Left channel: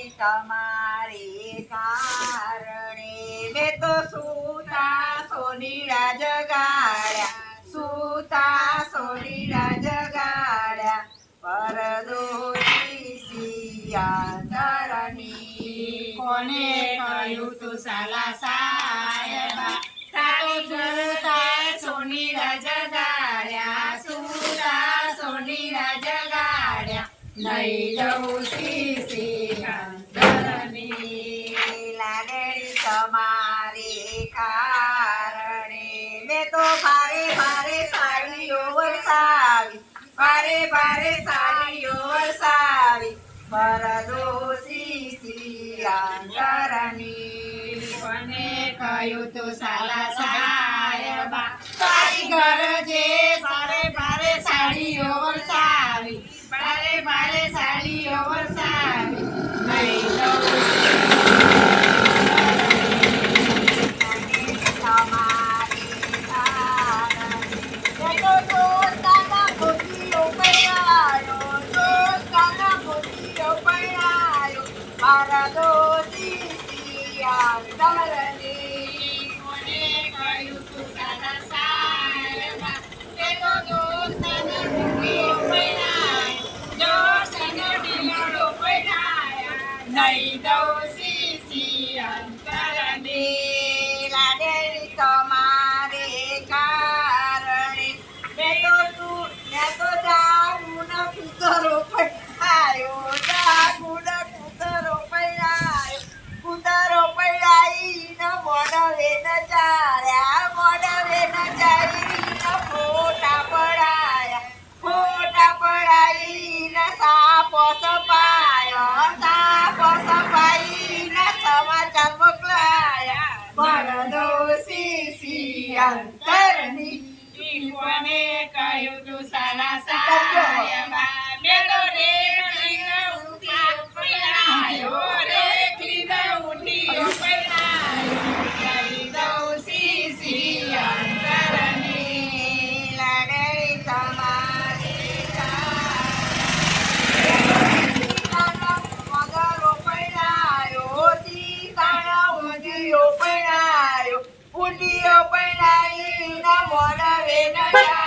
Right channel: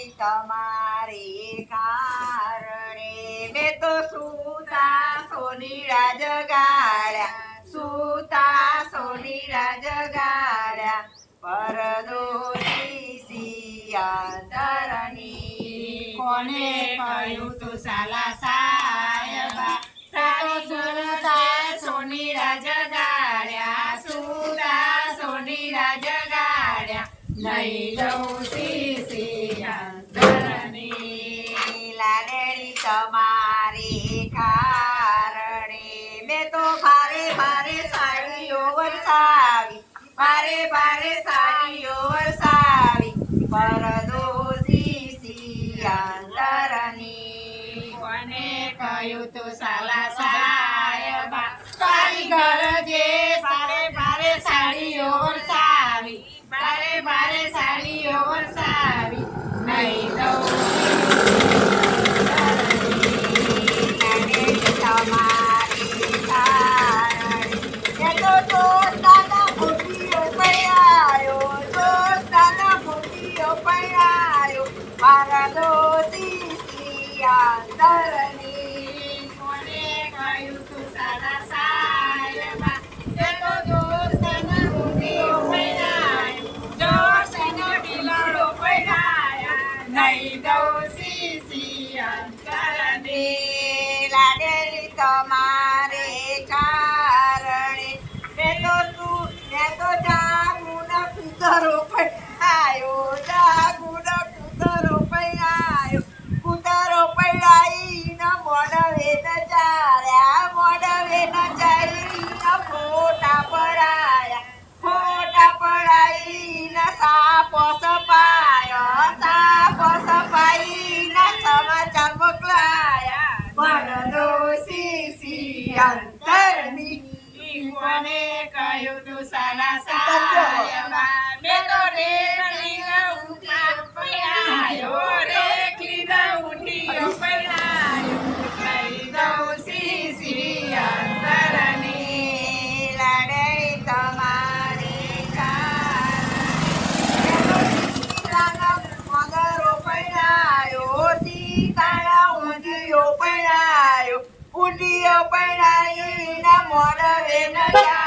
લાડેરી તમારે કારણે મેં તો સૂતા સોનીડા જગાડ્યા સૂતા સોનીડા જગાડ્યા પરદોષી સિયાંતરની. કોને કહ્યું તું સાલા સાયબા કાતો સુતા સોની જગાડ્યા સુતા સોની જગાડ્યા નહીં જવું ભારે બારે સાડીઓ વરસાવી. પરદોષી સિયાંતરની કોને કહ્યું તો સાલા સાહેબા? ઘર જે બારે બારે સાડીઓ વરસાવી. બારે બારે સાડીઓ વરસાવી. નહીં લાડેરી તમારે પરદોષી સિયાંતરની કોને કહ્યું તું સાલા સાહેબા તે તો જોરસના રૂપિયો પૈણાય જોરસના ઢીલાડો પૈણાયા નહીં દઉં સીસી અંતરની સાપો સપાયા સાપો સપાઈને સમાચાર મોકલાયા પરદોષી સિયાંતરની કોને કહ્યું તું સાલા સાહેબા ಪಿಯ ಪಣ ಮೊಡವೆ ನಯ